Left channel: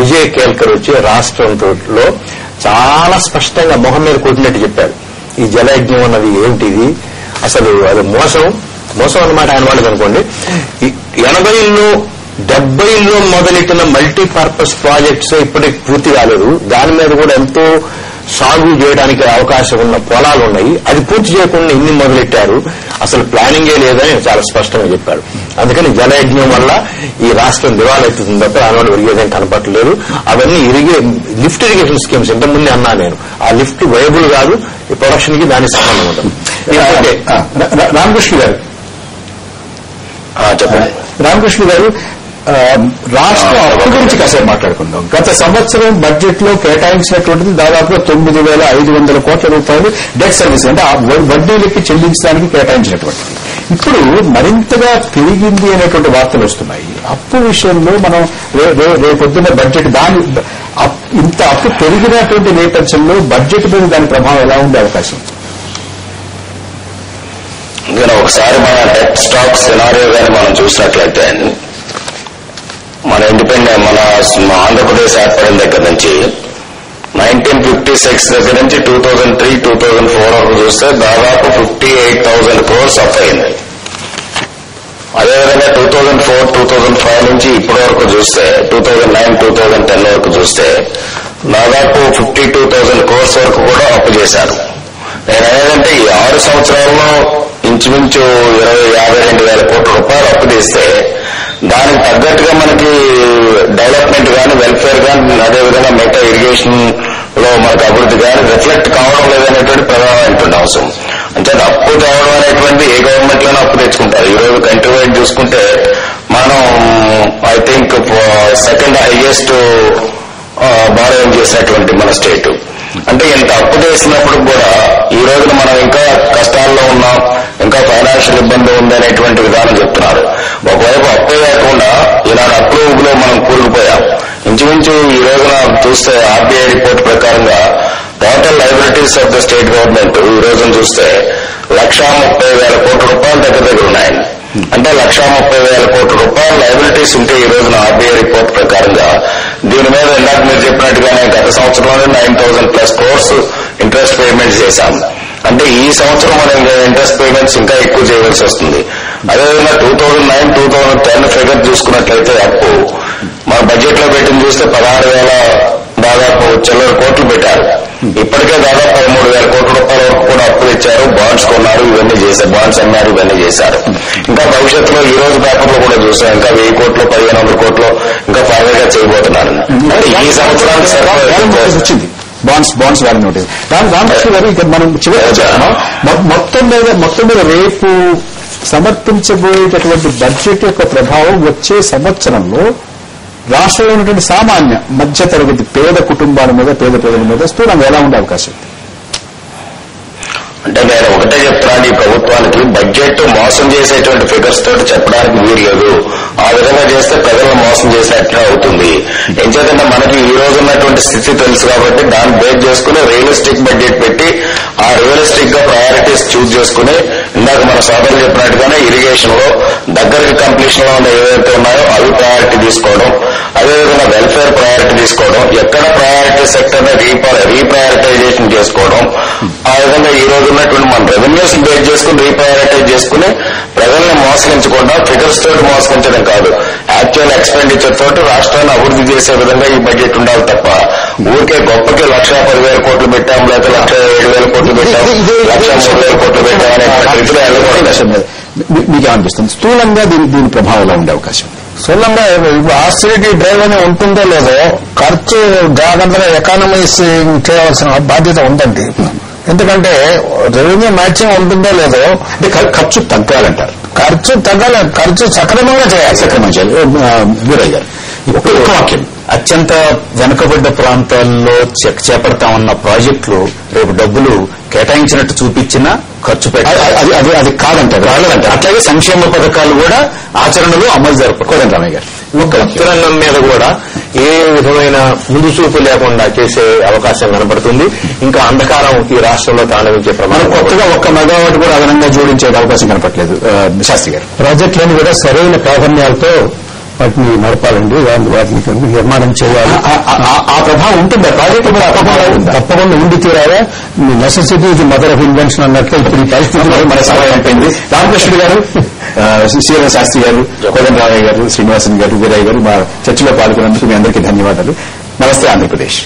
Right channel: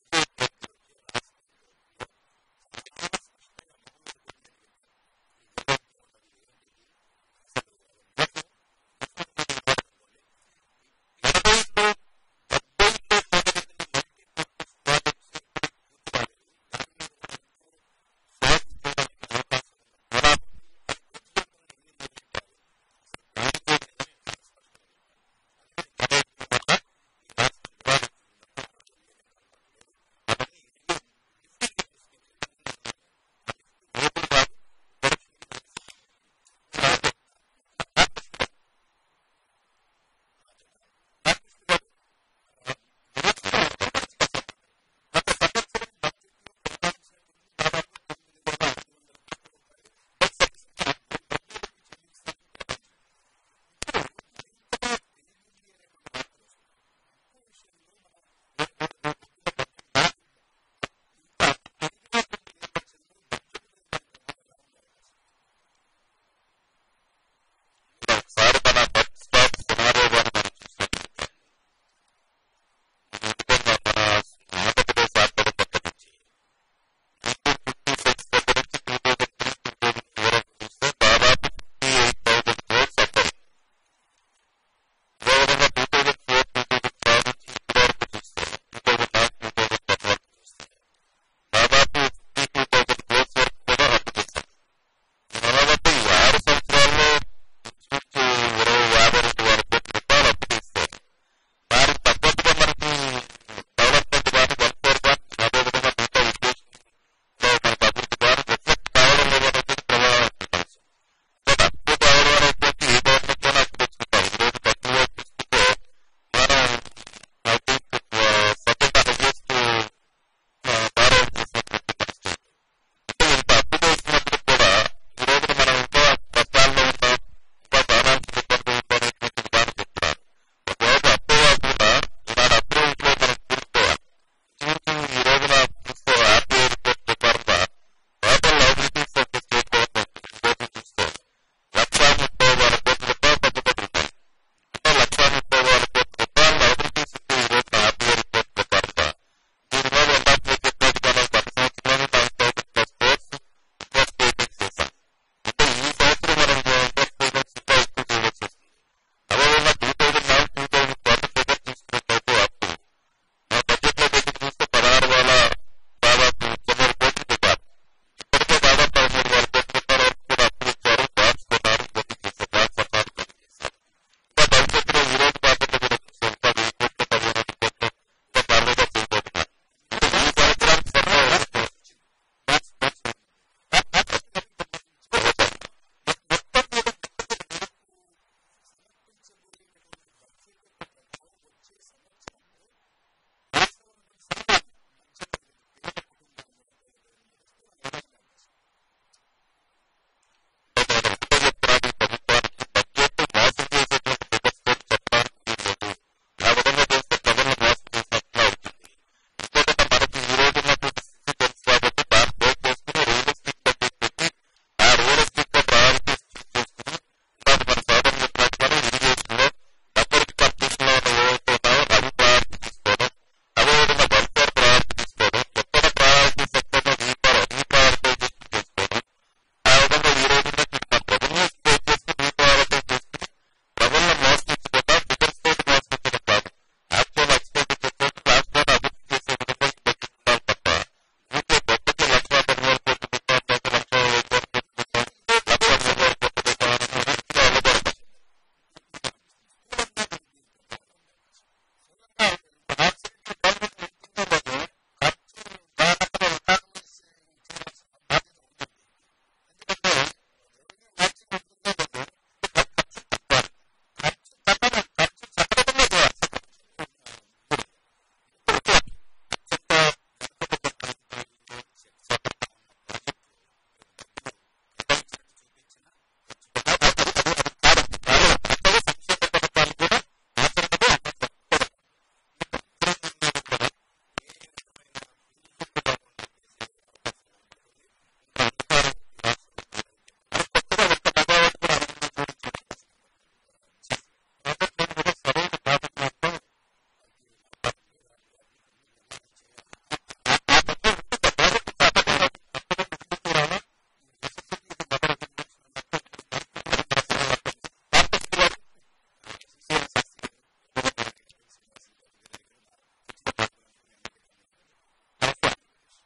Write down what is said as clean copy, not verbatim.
విజయ్ కేల్కర్ వచ్చి రాష్ట్రంలో చాలా స్పష్టంగా మొహం మీద కొట్టినట్టు చెప్పారు. ఈ జలయజ్ఞం అన్నది ఏంటిది, అసలు అది మోసం అన్నమాట ఆయన వాళ్ళకి అనుకోండి. 80లో 70లో మొదలెట్టిన మల్టీపర్పస్ ప్రాజెక్ట్స్ ఇప్పటికి పూర్తి కాలేదు. దాని మీద కూడా ఎంతో సాగు చేయడానికి అవకాశం ఉన్న పొలాలు ఉన్నాయి. అది పూర్తి చేయకుండా ఇన్ని మొదలెట్టారు, అసలు ప్లానింగే లేదని చాలా స్పష్టంగా చెప్పారు. అందుకని జలయజ్ఞం వల్ల ఈ రాష్ట్రం దివాళెత్తుతుంది తప్ప దానివల్ల విరిగేదేం కనపట్టలేదు. అవన్నీ లిఫ్ట్ ఇరిగేషన్ స్కీమ్స్ ఇంతకుముందే అన్నా నేను, ఆ లిఫ్ట్ వైబుల్ కాదు, ఈ ప్రొడక్షన్ కి దానికి సంబంధం ఉంటుంది. రామకృష్ణ గారు చెప్పండి. రామకృష్ణ గారు, రాష్ట్ర అప్పు గురించి కాసేపు మాట్లాడుకుందాం. గత సంవత్సరం బడ్జెట్ లో కేటాయించినటువంటిది దాదాపుగా 9,500 కోట్ల రూపాయలు డెట్ సర్వీస్ అంటే వడ్డీలకి చెల్లించడానికి కేటాయించినటువంటిది. ఇప్పుడు మరింతగా పెరిగింది అనేటువంటి వార్తలు వస్తున్నాయి. అప్పు విషయంలో మనం రేపొద్దున బడ్జెట్ ఇంత అప్పు పెరిగినటువంటి నేపథ్యంలో బడ్జెట్ మీద దాని ప్రభావం ఎలా ఉండే అవకాశం? ఒకసారి మన డెట్ స్టాక్ సినారియో గాని మనం చూసినట్లయితే మన ఆంధ్రప్రదేశ్ ఏర్పడిన దగ్గర నుంచి 1956 దగ్గర నుంచి 2003, 2004 వరకు చూస్తే దాదాపు 58,000 crores అప్ అయింది. అదేవిధంగా 2004, 2005 నుంచి ఇప్పటి వరకు చూస్తే 2009, 2010 వరకు చూస్తే దాదాపు 52,000 crores వరకు కూడా అప్పు చేశారు. నేను అనేదంటే ఈ 6 సంవత్సరాల్లో ఇంచుమించు 52,000 కోట్ల రూపాయలు అప్పు తీస్తే దానికి తగ్గట్టుగా మనకి డెవలప్మెంట్ కానీ, వెల్ఫేర్ కానీ, అదేవిధంగా మిగతా ఇరిగేషన్ లో మనకు అభివృద్ధి కానీ రిఫ్లెక్ట్ కావడం లేదనేటువంటి ప్రధానమైనటువంటి అవసరం. అంటే అప్పు తేవడం అనేటువంటి ఏ గవర్నమెంట్ లోనే అప్పు తెచ్చుకుంటారు. ఈ రోజు కంట్రీ వైడ్ చూసుకుంటే మనం I think second highest borrowing చేసినటువంటి మన స్టేట్. అంటే ఇంత అప్పు చేసినప్పుడు కూడా ఈ రోజున మనం ఇంకా కష్టాల్లో ఉన్నాం, ఇంకా ఫైనాన్షియల్ ఇబ్బంది ఉంది అనేటువంటి విధానం చెప్తున్నారు. ఒకవైపు అప్పు కాకుండా ఈనాడు అప్రూవ్లో మనం కూరుకుపోయాం. ఇంచుమించు ఈ రోజున చూస్తే ఆర్బీఐ రిపోర్ట్ ప్రకారంగా total liabilities of the state government ఈ రోజున చూస్తే 1,30,000 కోట్ల రూపాయలు దగ్గర ఉన్నాయి. అంటే 1,30,000 కోట్ల రూపాయల లయబిలిటీస్ ఉంటే ఈ రోజున ఆర్బీఐ రిపోర్ట్ ప్రకారంగా దీని మీద ఇందాక మీరు చెప్పినట్టుగానే గత సంవత్సరంలోనే 9,000+ crores ఇంట్రెస్ట్ పేమెంట్స్ చేశాం. అంటే ఈ సంవత్సరం మనం ఇంట్రెస్ట్ పేమెంట్స్ ఇంకా ఎక్కువ చేయవలసి వస్తుంది. అదేవిధంగా 2009, 2010 ఫిగర్ చూసుకున్నట్లయితే అప్పు మన బడ్జెట్ లో పెట్టింది చూస్తే 16,000 దాదాపు చిల్లర కోట్లు పెట్టారు. ఇప్పటికే దాదాపు 13,000 కోట్ల రూపాయల వరకు కూడా అప్పు తెచ్చారు, బాండ్స్ కొన్నారు, ఇవన్నీ చేశారు, బాండ్స్ అమ్మారు, ఇవన్నీ చేశారు. ఇంకా భవిష్యత్తులో ఈ రోజు పేపర్లో కూడా చూసాం ఇంకా 1,000 కోట్లు, 1,500 కోట్లు ఇంకా ఫర్దర్ గా చేయబోతున్నారు. ఈ సంవత్సరానికి వచ్చింది బాండ్స్ వారి నోటీస్. రామకృష్ణ గారు, ఇక మనం మొత్తం మీద రేపు సమర్పించబోయేటటువంటి బడ్జెట్ యొక్క ప్రభావం వచ్చే సంవత్సరంలో రాష్ట్రంలో ఉన్నటువంటి సామాన్య మధ్య తరగతి పేద కుటుంబాల మీద, పేద ప్రజల మీద స్థూలంగా ఎలా ఉండే అవకాశం? అంటే నేను ఒకటే చెప్తున్నాను, ఈ ప్రభుత్వానికి బడ్జెట్ మోసం చేసేటువంటి ఫిగర్స్ తోటి చెప్పడానికి వీల్లేదు. ఆ విధంగా చేస్తే ప్రజలను మోసం చేసినట్లే అవుతుంది. ఎంచేతంటే మనకి ఈ రోజు ఉన్నటువంటి స్థితి తెలుసు కాబట్టి దాన్ని బేస్ చేసుకుని రియలిస్టిక్ బడ్జెట్ పెట్టి ఆ రియలిస్టిక్ గా ప్రయారిటీస్ చూజ్ చేసుకుని ఇందాక మన సోదరులు చెప్పినట్టుగానే ఇరిగేషన్ లో దగ్గరికి కంప్లీషన్ లో ఉన్న ఏవైతే ఉన్నాయో అవి ప్రయారిటీ తీసుకోవడం, అదేవిధంగా వెల్ఫేర్ ప్రయారిటీ తీసుకోవడం, ఎక్కడ ప్రయారిటీ సెక్టర్ ని రీప్రయారిటైజేషన్ చేసుకోవడం, ఆ విధంగా ఈ రోజు ఉన్నటువంటి మన రెవెన్యూస్ బేస్ చేసుకుని రీప్రయారిటైజ్ చేసుకుని ప్రజల్ని మోసగించకుండా ఫిగర్స్ తోటి మోసగించడం కాదు, యాక్చువల్ ఎక్స్పెండిచర్ తోటి రాష్ట్రాన్ని అభివృద్ధి చేసే విధంగా ఈ బడ్జెట్ ఉండాలి తప్ప ఊరికే గొప్పకి 1,10,000 కోట్లు పెట్టాం, లేదా 1,07,000 కోట్లు పెట్టాం, 1,03,000 కోట్లు పెట్టాం అనే రీతిలో వెళ్ళకూడదు. మీకేమనిపిస్తుంది స్థూలంగా దీని ప్రభావంలో ఉండే అవకాశం? స్థూలంగా ఆస్టిరిటీ డ్రైవ్ అని ఉంటుందో లేదో ఖర్చు జాగ్రత్తగా ఎకానమైజ్ చేయవలసిన బాధ్యత ఉందండి. ఎందుకంటే రెవెన్యూ మ్యాచింగ్ ఉంటుందో లేదో అంటే ఖర్చు తగ్గాలంటారు. ఖర్చు సక్రమంగా చేయాలి. వీరయ్య గారు, ఒక వాక్యం. అత్యంత వెనుకబడ్డ ప్రాంతాల్లో చేపడతామన్న ప్రాజెక్టులు రేపు డబ్బులు కేటాయించినట్టు చూపించినా ఖర్చు పెట్టాలి, అది కాదంటారు. అట్లాగే సంక్షేమ పథకాలు కూడా ఆచరణలో అమలు జరపకూడదు. రామయ్య గారు, రంగం మీద కూడా ఏ విధమైన ముందు చూపు లేకుండా చేసే అవకాశం కనబడుతుంది. ఇంకా అంధకారం ఈ రాష్ట్రంలో తాండవించే ప్రమాదం. కొత్తగా 1 మెగావాట్ కూడా అదనంగా జోడించే అవకాశం కనపట్లేదు. శాస్త్రి గారు, ప్రాజెక్టులను కూడా సరైన ప్రాధాన్యాలతో వాటిని నడపాలండి, వాటిని నిర్మాణం చేయాలి. ఆ ప్రభావం ఉంటుందా ప్రాజెక్టు మీద? తప్పకుండా ఉండి తీరాలా. Necessity is mother of invention అన్నట్లు ఇప్పుడు ఈ పరిస్థితుల్లో మన సమయం అయిపోయింది. రామకృష్ణుడు గారు, శ్రీరామ శాస్త్రి గారు, కోదండరామయ్య గారు, శ్రీనివాసన్ గారు, వీరయ్య గారు మా చర్చలో పాల్గొన్నందుకు మీ అందరికీ ధన్యవాదాలు. నమస్తే ఆంధ్రప్రదేశ్.